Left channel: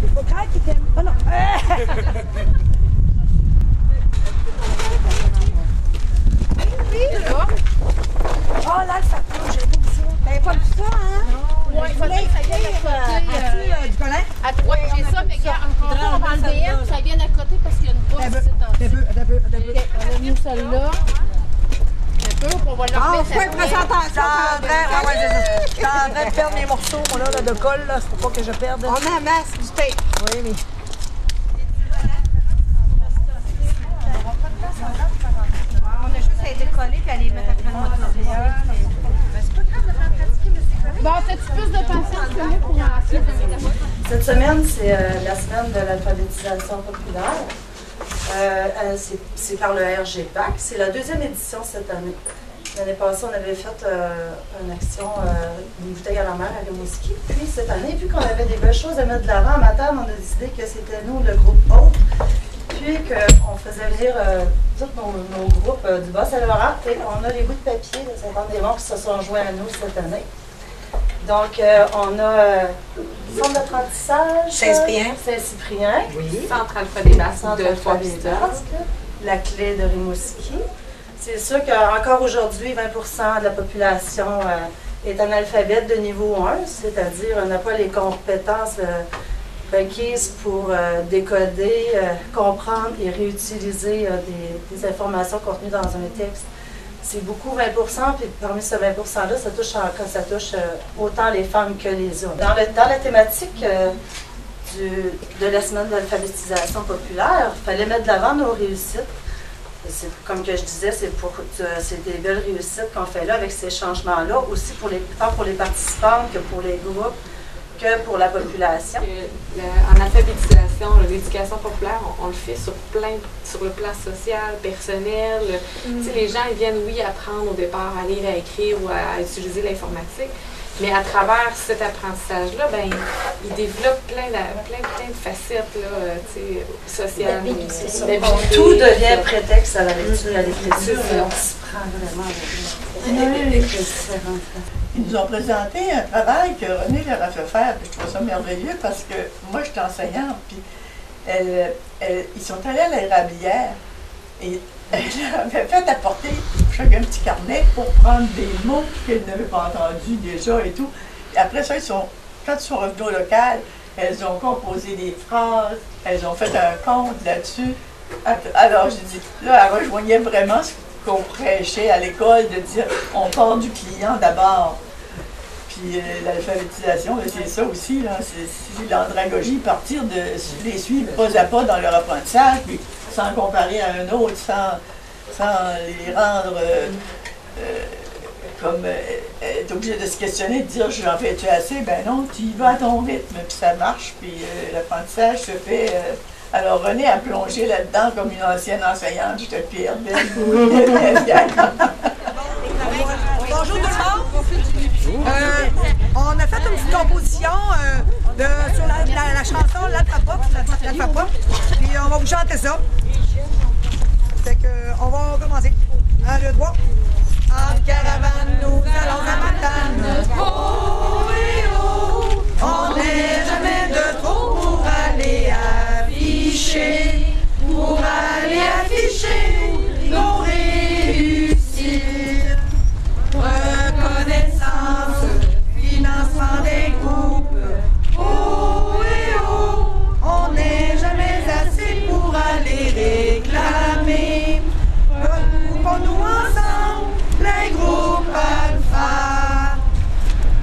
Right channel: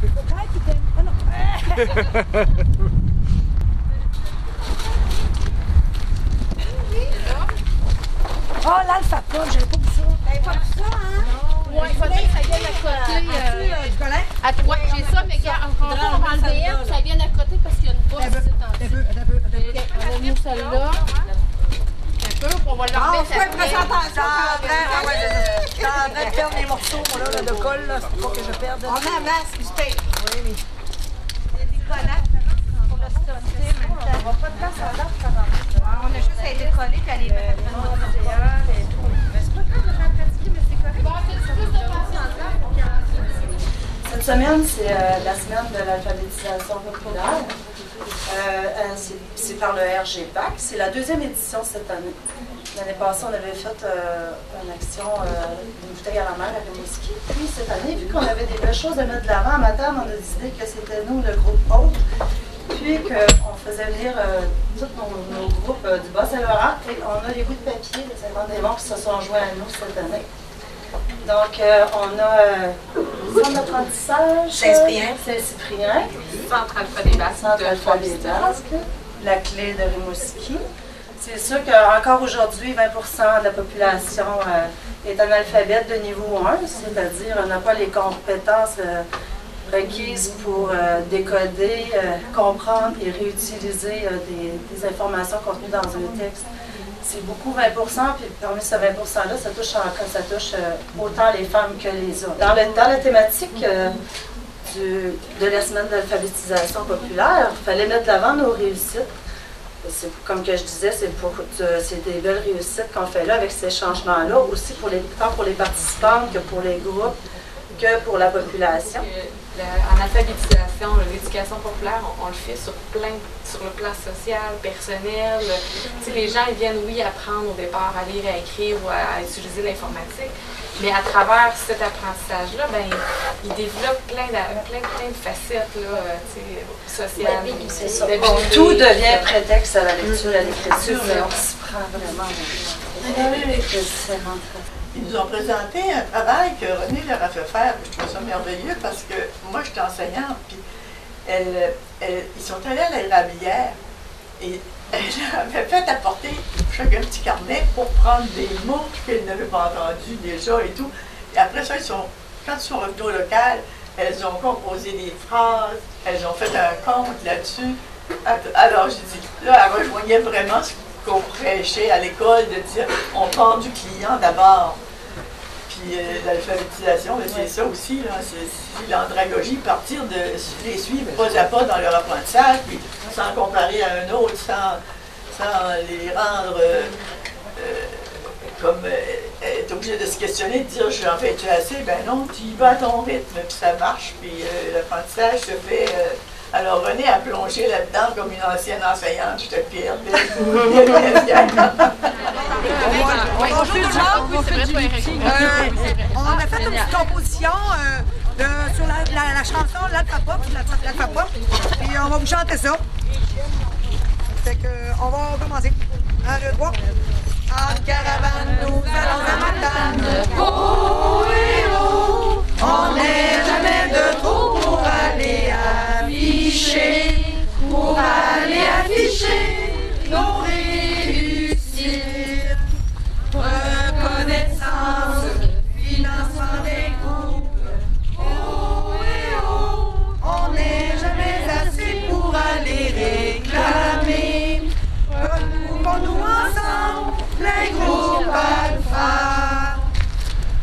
C'est pas grave qui t'aime. Oh non. Oh, l'alpha-pop, j'avais pas vu ça. T'avais pas vu ça, hein? Oui, il faudrait que ça vienne à côté. Du collant? À droite, j'ai ça, mais encore on va enlever elle, ça vienne à côté parce qu'il y a une bourse ici. Un peu. On a mis celle-là. Un peu, puis on va Ah, l'enlever. faut être présentation. Je suis en train de perdre mes morceaux, moi, là, de colle, là. C'est pour pas que je perde. On a un masque du tape. Oui, mais... On a juste à les décoller et à les mettre après le moteur. C'est pas grave de faire pratiquer, mais c'est correct. Bon, faites plus de patience que moi pour lancer. Cette semaine, c'est la semaine de l'alphabétisation populaire. C'est par le RGPAC. C'est la deuxième édition cette année. L'année passée, on avait fait une action d'une bouteille à la mer à Rimouski. Puis cette année, vu qu'on avait des belles choses à mettre de l'avant, à matin, on a décidé que c'était nous, le groupe Haute. Puis qu'on faisait venir tous nos groupes du Bas-Saint-Laurent. Et on a les bouts de papier de 50 démons qui se sont joints à nous cette année. Donc, on a le centre d'apprentissage Saint-Cyprien, Oui. Centre Alpha des Basques centre de Trois-Rivières, la clé de Rimouski. C'est sûr qu'encore aujourd'hui, 20% de la population est analphabète de niveau 1, c'est-à-dire n'a pas les compétences requises pour décoder, comprendre et réutiliser des informations contenues dans un texte. C'est beaucoup 20%, puis parmi ce 20%-là, ça touche autant les femmes que les hommes. Dans la thématique de la semaine d'alphabétisation populaire, il fallait mettre de l'avant nos réussites. Comme que je disais, c'est des belles réussites qu'on fait là avec ces changements-là, aussi tant pour les participants que pour les groupes, que pour la population. En alphabétisation, l'éducation populaire, on le fait sur le plan social, personnel. Tu sais, les gens, ils viennent, oui, apprendre au départ à lire, à écrire ou à utiliser l'informatique, mais à travers cet apprentissage-là, ben, ils développent plein de facettes là, tu sais, sociales. Tout devient prétexte à la lecture et à l'écriture, mais on s'y prend vraiment avec les différentes. Ils nous ont présenté un travail que René leur a fait faire. Je trouve ça merveilleux parce que moi, je suis enseignante, puis ils sont allés à l'érablière et elle leur avait fait apporter chacun un petit carnet pour prendre des mots qu'ils n'avaient pas entendus déjà et tout. Et après ça, quand ils sont revenus au local, elles ont composé des phrases, elles ont fait un conte là-dessus. Alors, j'ai dit, là, elle rejoignait vraiment ce qu'on prêchait à l'école, de dire on part du client d'abord. Puis l'alphabétisation, c'est ça aussi, c'est l'andragogie, partir de les suivre pas à pas dans leur apprentissage, puis sans comparer à un autre, sans les rendre comme être obligé de se questionner, de dire j'en fais-tu assez, ben non, tu y vas à ton rythme, puis ça marche, puis l'apprentissage se fait. Alors René a plongé là-dedans comme une ancienne enseignante, je te pire. Bonjour tout le monde. On a fait une petite composition sur la chanson l'alpha-pop. Puis on va vous chanter ça. Fait que on va commencer. 1, 2, 3. En caravane, nous allons à Matane. Oh et oh, on n'est jamais de trop pour aller afficher nos réussites. Reconnaissance, financement des groupes. Oh et oh, on n'est jamais assez pour aller réclamer. Retrouvons-nous ensemble, les groupes alpha.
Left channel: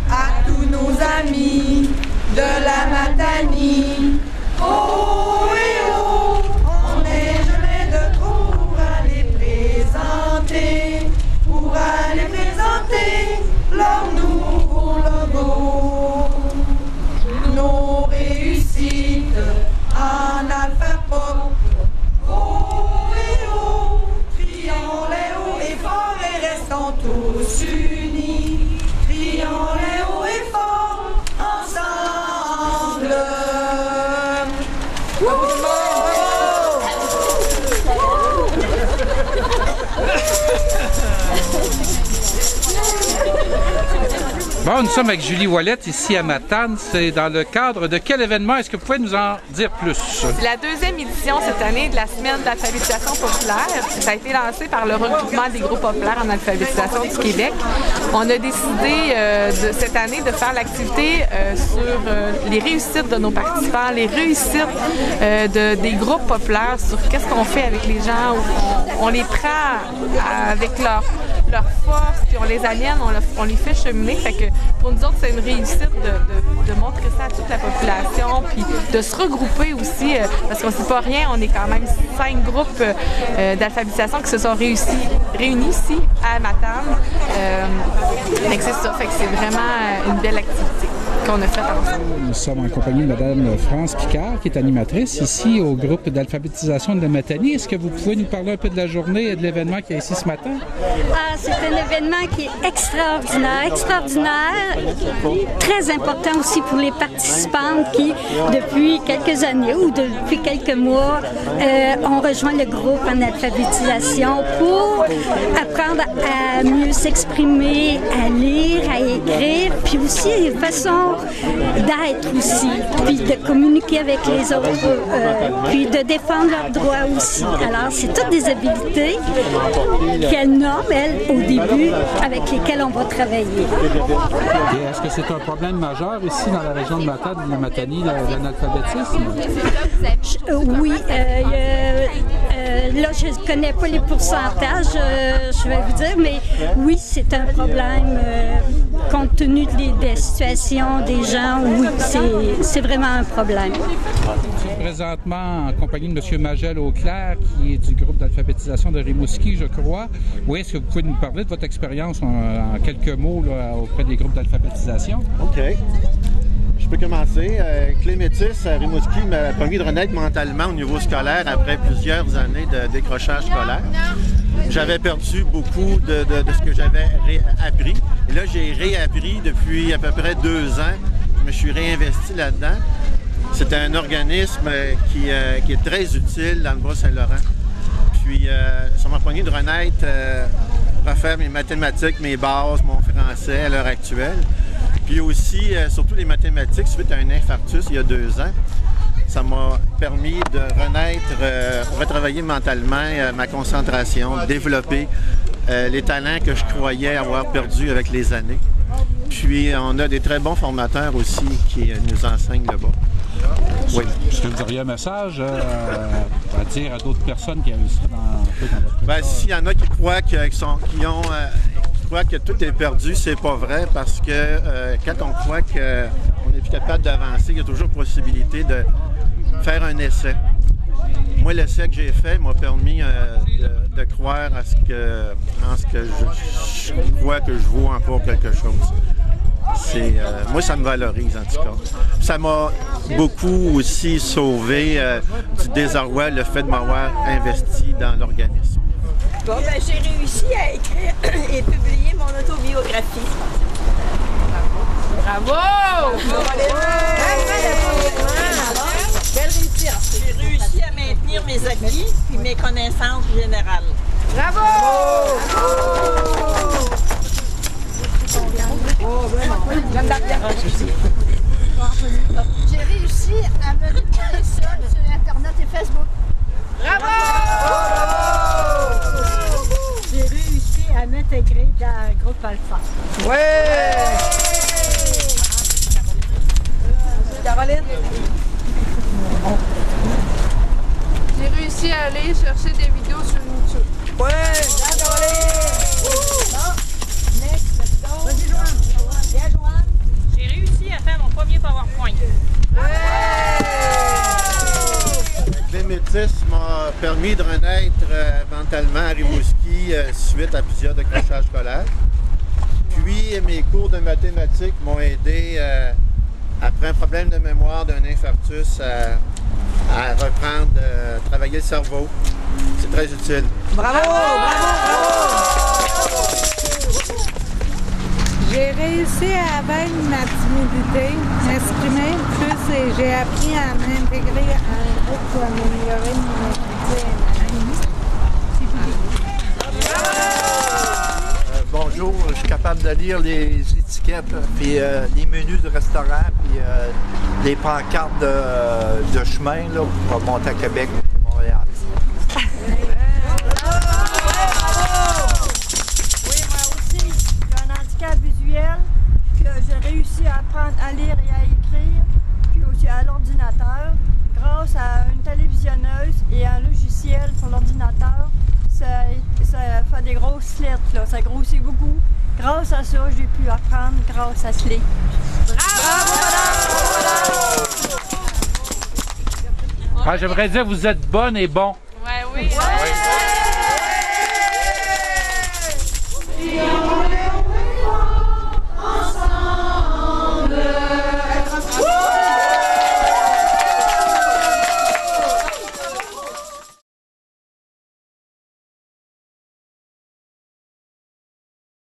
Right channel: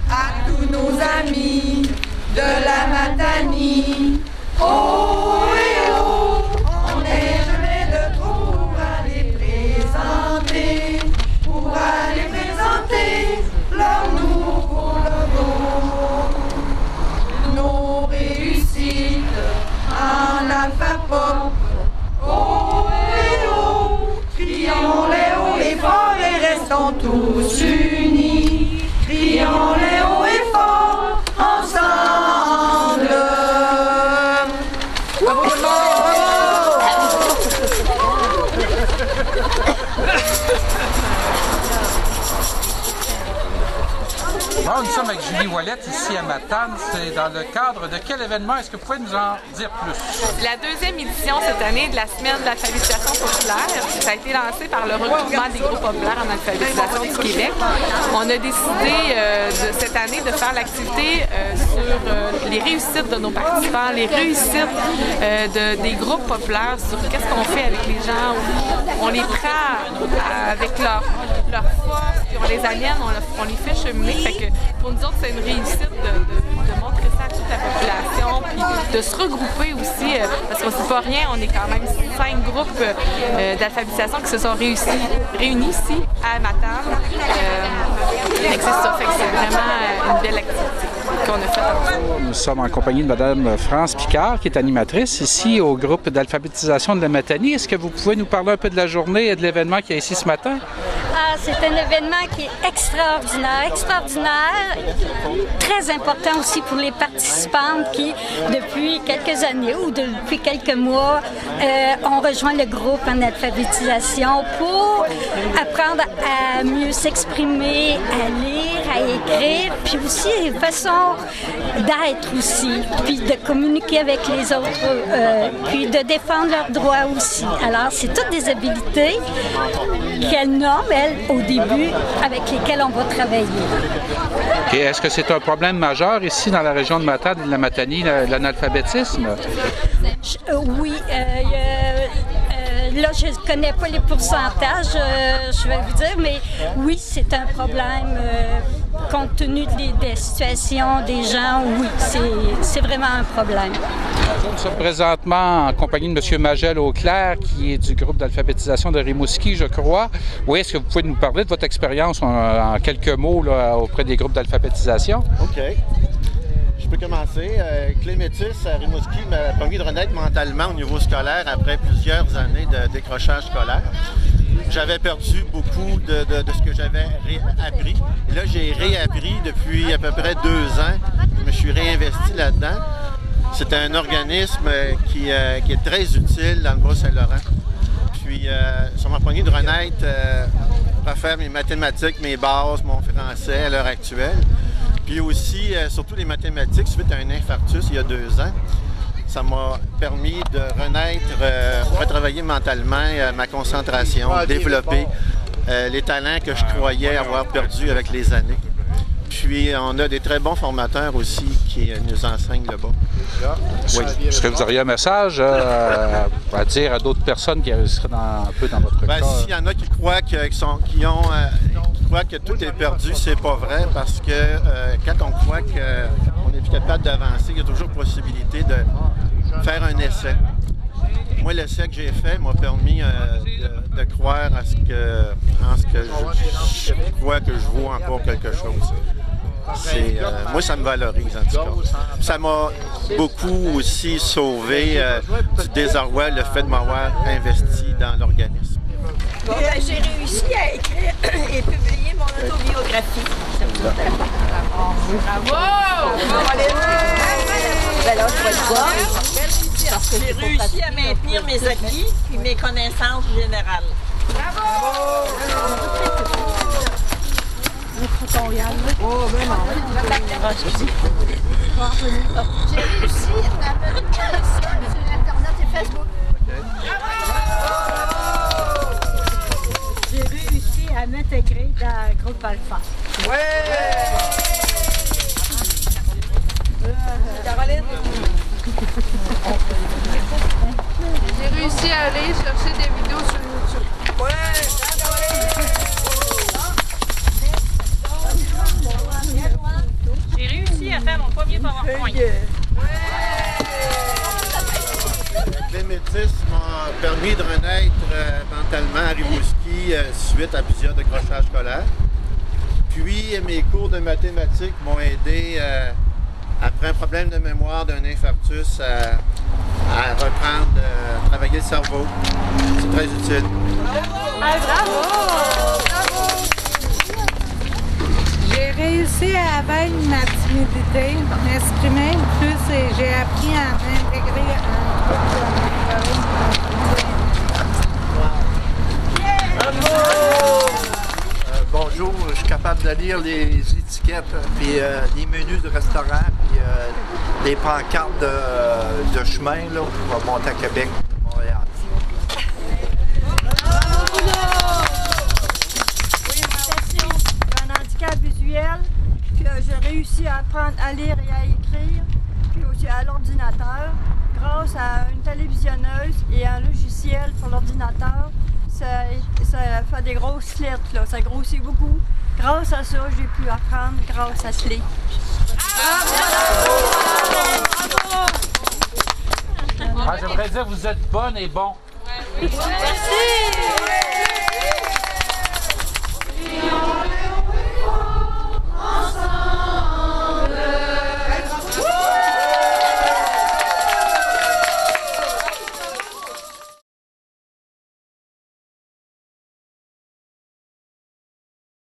À tous nos amis de la Matanie. Oh et oh, on n'est jamais de trop pour aller présenter leur nouveau logo. Nos réussites en alpha-pop. Oh et oh, crions-les haut et fort et restons tous unis. Crions-les haut et fort ensemble. Bonne sommes avec Julie Ouellette ici à Matane. C'est dans le cadre de quel événement? Est-ce que vous pouvez nous en dire plus? C'est la deuxième édition cette année de la semaine de l'alphabétisation populaire. Ça a été lancé par le regroupement des groupes populaires en alphabétisation du Québec. On a décidé cette année de faire l'activité sur les réussites de nos participants, les réussites des groupes populaires, sur qu'est-ce qu'on fait avec les gens. On les prend avec leur force, puis on les amène, on les fait cheminer. Fait que pour nous autres, c'est une réussite de montrer ça à toute la population, puis de se regrouper aussi, parce qu'on ne sait pas rien, on est quand même 5 groupes d'alphabétisation qui se sont réunis ici à Matane. C'est ça, fait que c'est vraiment une belle activité qu'on a faite ensemble. Nous sommes en compagnie de Mme France Picard, qui est animatrice ici au groupe d'alphabétisation de la Matanie. Est-ce que vous pouvez nous parler un peu de la journée et de l'événement qu'il y a ici ce matin? C'est un événement qui est extraordinaire, très important aussi pour les participantes qui, depuis quelques années ou depuis quelques mois, ont rejoint le groupe en alphabétisation pour apprendre à mieux s'exprimer, à lire, à écrire, puis aussi une façon d'être aussi, puis de communiquer avec les autres, puis de défendre leurs droits aussi. Alors, c'est toutes des habiletés qu'elles nomment, elles, au début, avec lesquelles on va travailler. Et est-ce que c'est un problème majeur ici dans la région de Matane, de la Matanie, l'analphabétisme? Oui. Là, je ne connais pas les pourcentages, je vais vous dire, mais oui, c'est un problème. Compte tenu des situations des gens, oui, c'est vraiment un problème. Nous sommes présentement en compagnie de M. Magel-Auclair, qui est du groupe d'alphabétisation de Rimouski, je crois. Oui, est-ce que vous pouvez nous parler de votre expérience en quelques mots là, auprès des groupes d'alphabétisation? OK. Je peux commencer. Clé Métis à Rimouski m'a permis de renaître mentalement au niveau scolaire après plusieurs années de décrochage scolaire. J'avais perdu beaucoup de ce que j'avais appris. Et là, j'ai réappris depuis à peu près 2 ans. Je me suis réinvesti là-dedans. C'est un organisme qui est très utile dans le Bas-Saint-Laurent. Puis, ça m'a permis de renaître, refaire mes mathématiques, mes bases, mon français à l'heure actuelle. Puis aussi, surtout les mathématiques, suite à un infarctus il y a 2 ans. Ça m'a permis de renaître, retravailler mentalement ma concentration, développer les talents que je croyais avoir perdus avec les années. Puis, on a des très bons formateurs aussi qui nous enseignent là-bas. Oui. Est-ce que vous auriez un message à dire à d'autres personnes qui seraient un peu dans votre cas? S'il y en a qui croient que tout est perdu, c'est pas vrai, parce que quand on croit qu'on n'est plus capable d'avancer, il y a toujours possibilité de faire un essai. Moi, l'essai que j'ai fait m'a permis de croire en ce que je crois que je vaux encore quelque chose. Moi, ça me valorise, en tout cas. Ça m'a beaucoup aussi sauvé du désarroi, le fait de m'avoir investi dans l'organisme. Bon, j'ai réussi à écrire et publier mon autobiographie. Bravo! J'ai réussi à maintenir mes acquis et mes connaissances générales. Bravo! J'ai réussi à me retrouver seule sur Internet et Facebook. Bravo! J'ai réussi à m'intégrer dans le groupe Alpha. Ouais! Caroline? J'ai réussi à aller chercher des vidéos sur YouTube. Ouais! Caroline! J'ai réussi à faire mon premier PowerPoint. Le métis m'a permis de renaître mentalement à Rimouski suite à plusieurs décrochages scolaires. Puis mes cours de mathématiques m'ont aidé, après un problème de mémoire d'un infarctus, à reprendre, travailler le cerveau. C'est très utile. Bravo! J'ai réussi à vaincre ma timidité, m'exprimer plus et j'ai appris à m'intégrer à un groupe pour améliorer mon activité. bonjour, je suis capable de lire les étiquettes, puis les menus de restaurant, puis les pancartes de chemin là, pour monter à Québec, Montréal. Oui, moi aussi, j'ai un handicap visuel, puis j'ai réussi à apprendre à lire et à écrire, puis aussi à l'ordinateur, grâce à une télévisionneuse et un logiciel pour l'ordinateur. Ça fait des grosses lettres, là. Ça grossit beaucoup. Grâce à ça, j'ai pu apprendre grâce à ce livre. J'aimerais dire que vous êtes bonne et bon. Oui. Merci!